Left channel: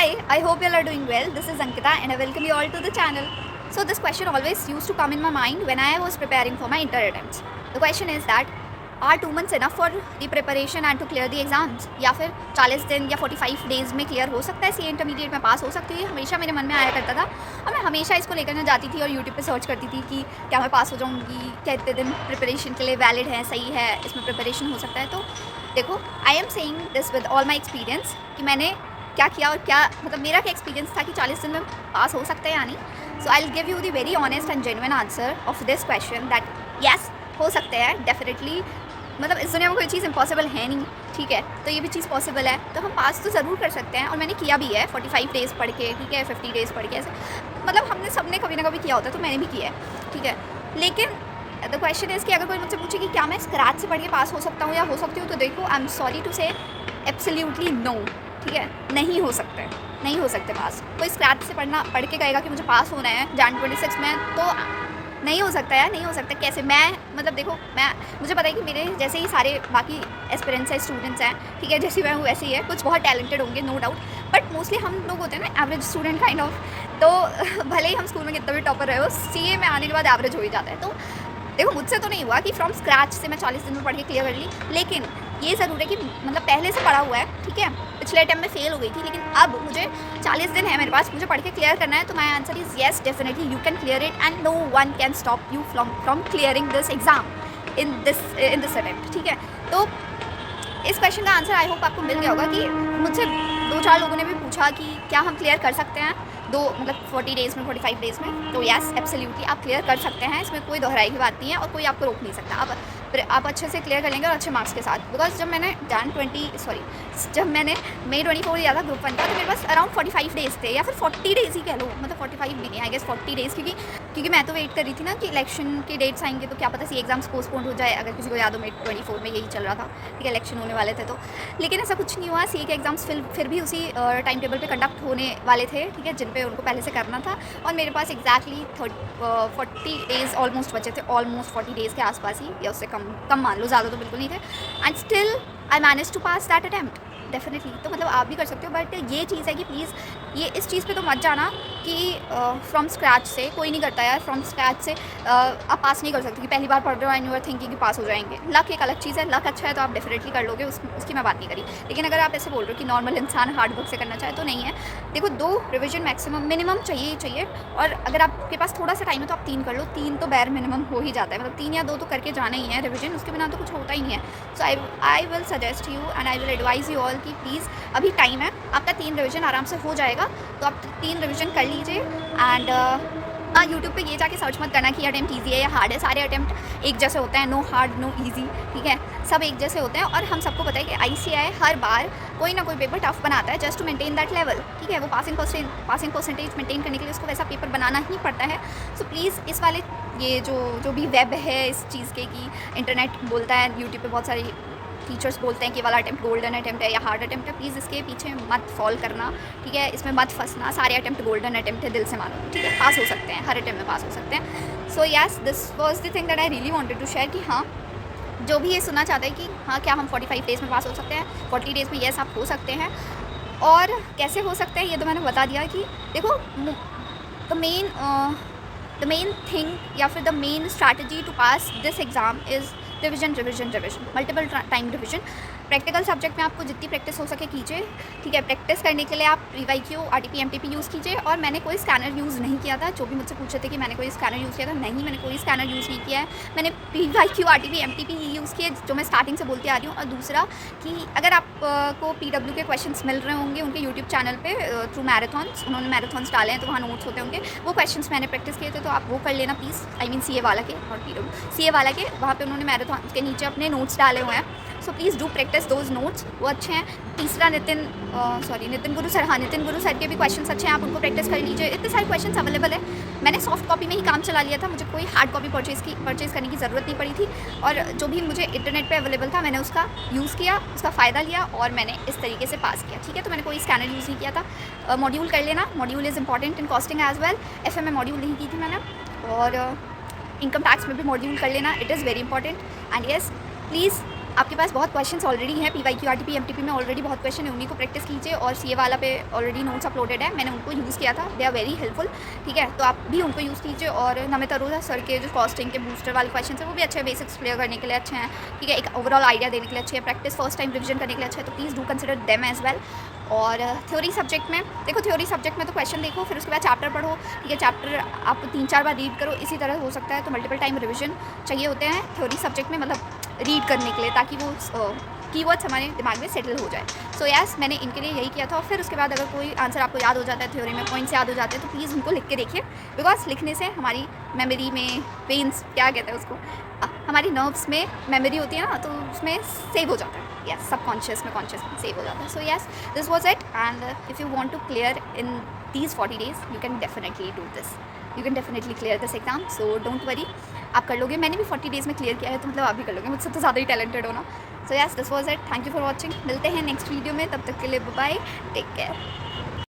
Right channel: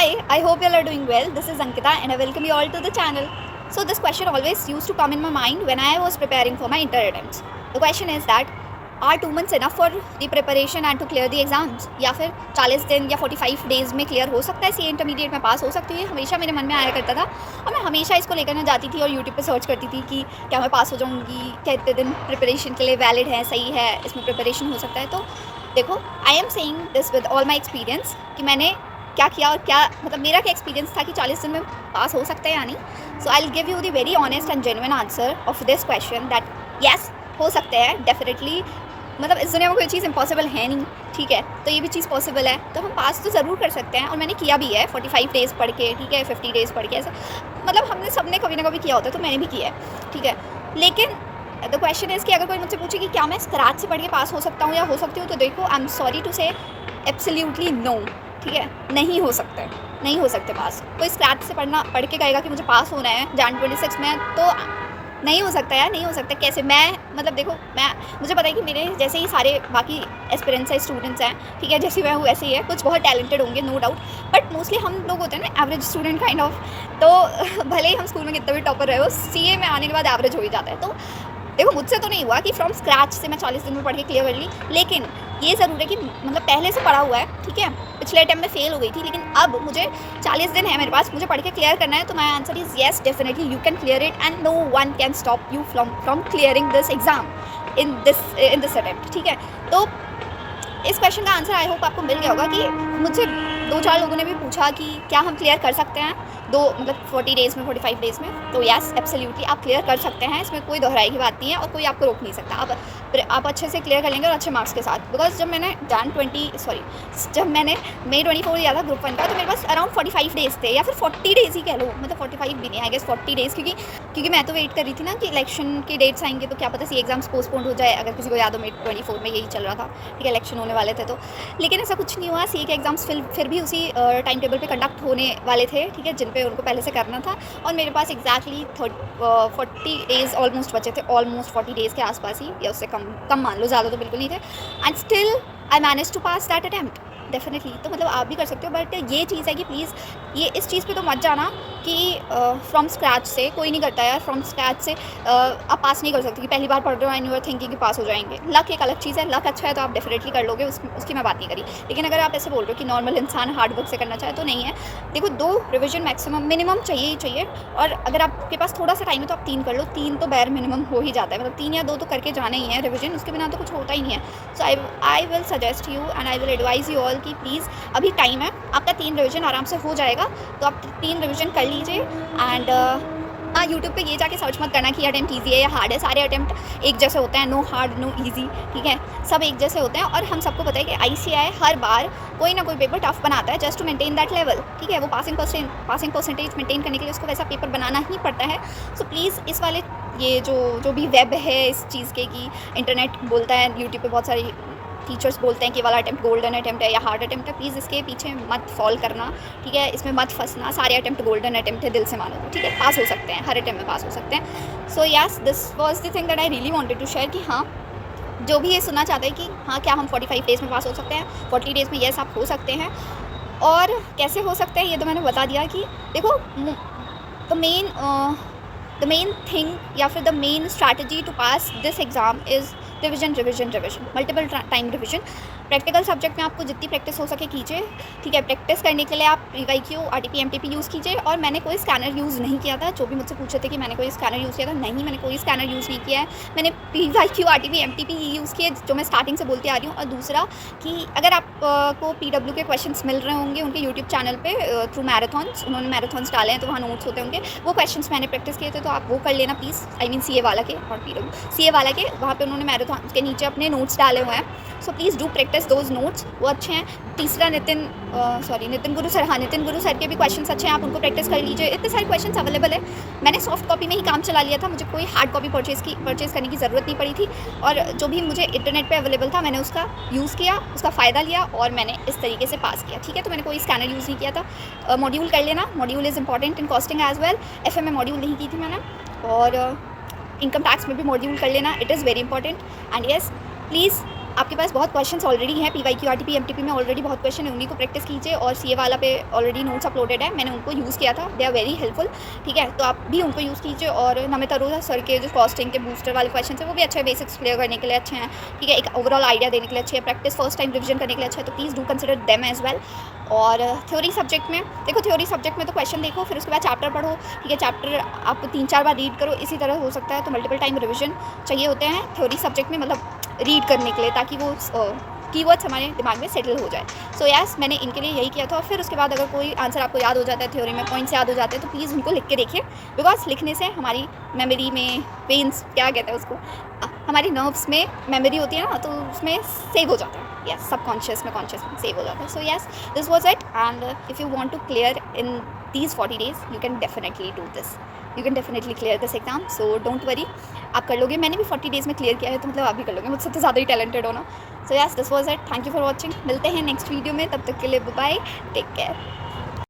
Hi, I hope you all are doing well. This is Ankita and I welcome you all to the channel. So this question always used to come in my mind when I was preparing for my inter attempts. The question is that are 2 months enough for the preparation and to clear the exams? या फिर 40 दिन या 45 days में clear हो सकता है, सी intermediate में पास हो सकती है? हमेशा मेरे मन में आया करता था और मैं हमेशा इसको लेकर ना जाती थी और यूट्यूब पे सर्च करती थी कि क्या मैं पास हो जाऊँगी, क्या इतने दिन प्रिपरेशन के लिए वैलिड है, सही है, इसमें प्रिपरेशन हो सकता है। तो देखो, I am saying this with all my experience कि मैंने क्या किया और क्या मतलब मेरा क्या एक्सपीरियंस था कि 40 दिन में पास हो सकता है या नहीं। So I will give you the very honest and genuine answer of this question that yes हो सकते हैं डेफिनेटली। मतलब इस दुनिया में कोई चीज़ इम्पॉसिबल है नहीं, ठीक है, तो ये भी चीज़ पॉसिबल है, तो हम पास तो ज़रूर कर सकते हैं और मैंने किया भी है 45 डेज़ पढ़ के, ठीक है, 50 डेज़ पढ़ के, ऐसे मतलब हमने सबने कभी ना कभी किया होता है, तो मैंने भी किया है, ठीक है। लेकिन द क्वेश्चन इज़ कि अगर कोई मुझसे पूछे कि क्या मैं स्क्रैच से पढ़ के पास हो सकता हूँ या हो सकती हूँ, तो देखो आई एम सॉरी टू से एब्सोल्युटली नो, ठीक है, नहीं हो सकते, नहीं हो सकते पास। कोई स्क्रैच से पढ़ के कहेगा कि मुझे पास होना है जान 26 में, तो नहीं हो सकता यार, नहीं हो सकता। कैसे? मैं मतलब देखो, मुझे पता है कि मेरे जैसे ही सारे बाकी एस्पिरेंट्स हैं, स्टूडेंट्स हैं, ठीक है, जैसे मैं हूँ वैसे ही है, कुछ बहुत टैलेंटेड होंगे नो डाउट, बट मोस्टली हम लोग होते हैं ना एवरेज स्टूडेंट काइंड ऑफ। तो भले ही हम स्कूल में कितना भी टॉपर रहे हो, सीए में आने के बाद एवरेज हो ही जाता है। तो देखो, मुझसे तो नहीं हुआ कि फ्रॉम स्क्रैच से मैं 40 दिन में पढ़ के क्लियर कर ली, लेकिन ये ज़रूर है कि मतलब पहले से पढ़ा हुआ है, ठीक है। पिछले अटेम्प्ट में फेल हो गई थी, लेकिन अब मुझे 40 दिन है मेरे पास, मुझे पढ़ के क्लियर करना है, तो my answer is yes, definitely you can clear it and no one can stop you from clearing this exam in this attempt, ठीक है। तो इस क्वेश्चन का आंसर आई होप आपको मिल गया होगा कि मुझसे 2-4 लोगों ने भी पूछा कि क्या हम क्लियर कर सकते हैं मतलब 40 डेज़ में, 45 डेज़ में, तो यस एब्सोल्युटली आप क्लियर कर सकते हैं, इसमें कोई दोहराई की बात नहीं है और कोई आपको रोक नहीं सकता। आप अच्छे से क्लियर कर लेंगे और अच्छे मार्क्स के साथ। बिकॉज जब मैंने जब मैंने मई 24 दिया था ग्रुप 1 का, तो मेरे पास अराउंड 45 डेज़ थे या फिर 40 डेज़ ही कह लो, मतलब 45 भी नहीं, आई गेस 40 डेज़, क्योंकि मैं तो वेट कर रही थी ना कि इलेक्शन के डेट्स आएंगे तो क्या पता सी एग्जाम्स पोस्टपोन्ड हो जाए। अगर किसी को याद हो, मई 24 में यही चल रहा था, ठीक है, इलेक्शन होने वाले थे तो, लेकिन ऐसा कुछ नहीं हुआ। सी के एग्जाम्स फिर भी उसी टाइम टेबल पे कंडक्ट होने वाले थे, ठीक है, जिन पे उनको पहले से करना था, और मेरे पास एग्जैक्टली 40 डेज़ ऑलमोस्ट बचे थे, ऑलमोस्ट 40 डेज़ के आसपास ही, या उससे कम मान लो, ज़्यादा तो बिल्कुल नहीं थे, and still I manage to pass that attempt definitely. तो मतलब आप भी कर सकते हो, बट ये चीज़ है कि प्लीज़ ये इस चीज़ पे तो मत जाना कि फ्रॉम स्क्रैच से कोई नहीं करता यार, फ्रॉम स्क्रैच से आप पास नहीं कर सकते कि पहली बार पढ़ रहे हो एंड यू आर थिंकिंग कि पास हो जाएंगे। लक एक अलग चीज़ है, लक अच्छा है तो आप डेफिनेटली कर लोगे, उसकी मैं बात नहीं करी। लेकिन अगर आप ऐसे बोल रहे हो कि नॉर्मल इंसान हार्ड वर्क से करना चाहे, तो नहीं है। देखो, 2 रिविजन मैक्सिमम मिनिमम चाहिए ही चाहिए, और अगर आपके पास थोड़ा सा टाइम है तो आप 3 कर लो, 3 तो बैर मिनिमम हो ही जाता है, मतलब 3 या 2 तो करके जाना ही है रिविजन, उसके बिना तो कुछ होता ही नहीं है। So I will suggest you and I will advise you all कि प्लीज़ अभी टाइम है, आपका 3 रिविजन आराम से हो जाएगा, तो आप 3 रिविजन कर लीजिए। एंड हाँ, यूट्यूब पे ये जाके सर्च मत करना कि अटेम्प्ट ईजी है या हार्ड है, सारे अटेम्प्ट एक जैसे होते हैं, नो हार्ड नो ईजी, ठीक है, सब एक जैसे होते हैं। और हम सबको पता है कि ICAI हर बार कोई ना कोई पेपर टफ बनाता है just to maintain that level, ठीक है, वो पासिंग परसेंटेज मेंटेन करने के लिए उसको वैसा पेपर बनाना ही पड़ता है। सो प्लीज़ इस वाले ये जो भी वेब है इस चीज़ के कि इंटरनेट बोलता है, यूट्यूब पे बहुत सारी टीचर्स बोलते हैं कि वाला अटेम्प्ट गोल्डन अटेम्प्ट है या हार्ड अटेम्प्ट है, प्लीज़ इसके पीछे मत फॉल करना, ठीक है, इसमें मत फंसना। सारे अटेम्प्ट गोल्डन अटेम्प्ट है, दिल से मानो, ठीक है, पास हो सकते हैं, हर अटेम्प्ट में पास हो सकते हैं। So yes, this was the thing that I really wanted to share कि हाँ, जो भी ये सुनना चाहते हैं कि हाँ क्या हम 45 डेज़ में पास हो सकते हैं, 40 डेज़ में येस आप हो सकते हैं, और कैसे हो सकते हैं ये तो मैंने बता दिया कि देखो, द मेन थिंग या फिर the main strategy to pass this exam is revision, multiple time revision. Practical subject में आपको जितनी प्रैक्टिस हो सके कीजिए, ठीक है। प्रैक्टिस करने के लिए आप PYQ, RTP, MTP यूज़ कीजिए, और मैंने कोई स्कैनर यूज़ नहीं किया था। जो भी मुझसे पूछे थे कि मैंने कोई स्कैनर यूज़ किया था, नहीं, मैंने कोई स्कैनर यूज़ नहीं किया है। मैंने PYQ, RTP, MTP यूज़ किए, जो मैं स्टार्टिंग से बोलती आ रही हूँ। और दूसरा कि अगर आपको PW के क्वेश्चंस मिल रहे होंगे उनके यूट्यूब चैनल पे थ्रू मैराथॉन्स, उन्होंने मैराथॉन्स डाले हैं तो वहाँ नोट्स होते होंगे, वो क्वेश्चंस मैंने प्रैक्टिस किए थे, तो आप वो कर लेना प्लीज़। आई मीन CA वाला के और PW CA वाला के, वहाँ पर उन्होंने मैराथॉन के नीचे अपने नोट्स डाले हुए हैं। So please do practice those notes, वो अच्छे हैं। तीसरा नितिन गुरु सर, हाँ, नितिन गुरु सर के भी क्वेश्चंस अच्छे हैं, आप उनको प्रैक्टिस कर लीजिए। इतने सारे क्वेश्चंस अवेलेबल है, मैंने सॉफ्ट कॉपी में ही काम चला लिया था, मुझे कोई हार्ड कॉपी परचेज़ करने की ज़रूरत नहीं पड़ी थी, और जो भी मुझे इंटरनेट पे अवेलेबल था मैंने उसका यूज़ किया, उसका फ़ायदा लिया, और मैंने इस तरीके से पास किया, ठीक है। तो मैंने कोई स्कैनर यूज़ नहीं किया था। मॉड्यूल कर लेना, module is important in costing as well. FM में मॉड्यूल नहीं की थी मैंने, और इनकम टैक्स में भी मॉड्यूल कर लेना, it is very important. And yes, please आपके पास बहुत क्वेश्चंस ऑलरेडी हैं, PYQ RTP MTP में ऑलरेडी बहुत क्वेश्चन है, उन्हीं को प्रैक्टिस कीजिए। और CA वाला पे ऑलरेडी नोट्स अपलोडेड है, मैंने उनको यूज़ किया था, दे आर वेरी हेल्पफुल, ठीक है। तो आप भी उनको यूज़ कीजिए। और नमित अरोड़ा सर के जो कॉस्टिंग के बूस्टर वाले क्वेश्चन है वो भी अच्छे हैं, बेसिक्स क्लियर करने के लिए अच्छे हैं, ठीक है, एक ओवरऑल आइडिया देने के लिए अच्छे हैं, प्रैक्टिस फर्स्ट टाइम रिविजन करने के लिए अच्छा है, तो please do consider them as well. और थ्योरी सब्जेक्ट में देखो, थ्योरी सब्जेक्ट में तो क्वेश्चन देखो, फिर उसके बाद चैप्टर पढ़ो, ठीक है, चैप्टर आप 3-4 बार रीड करो, इसी तरह हो सकता है। तो मल्टीपल टाइम रिविजन चाहिए होते हैं थ्योरी सब्जेक्ट में, मतलब रीड करने के लिए, ताकि वो कीवर्ड्स हमारे दिमाग में सेटल हो जाए। सो यस, मैंने इनके लिए यही किया था। और फिर उसके बाद अगर कोई आंसर आपको याद हो जाता है, थ्योरी में पॉइंट्स याद हो जाते हैं, तो प्लीज़ उनको लिख के देखिए, बिकॉज लिखने से हमारी मेमोरी में पेन्स क्या कहते हैं उसको, हमारी नर्व्स में मेमोरी होती है ना, तो उसमें सेव हो जाता है। यस, सबकॉन्शियस में कॉन्शियस में सेव हो जाता है। So yes, this was it. And if you want to clear in these 40 days, you can definitely do this, you can definitely clear this exam, so don't worry, आप कर लोगे। मैंने भी 40 days में क्लियर किया है, तो मतलब आप भी कर लोगे, मुझसे तो ज़्यादा ही टैलेंटेड हो ना। सो yes, this was it, thank you for watching, मिलते हैं नेक्स्ट वीडियो में, तब तक के लिए बाय बाय, टेक केयर।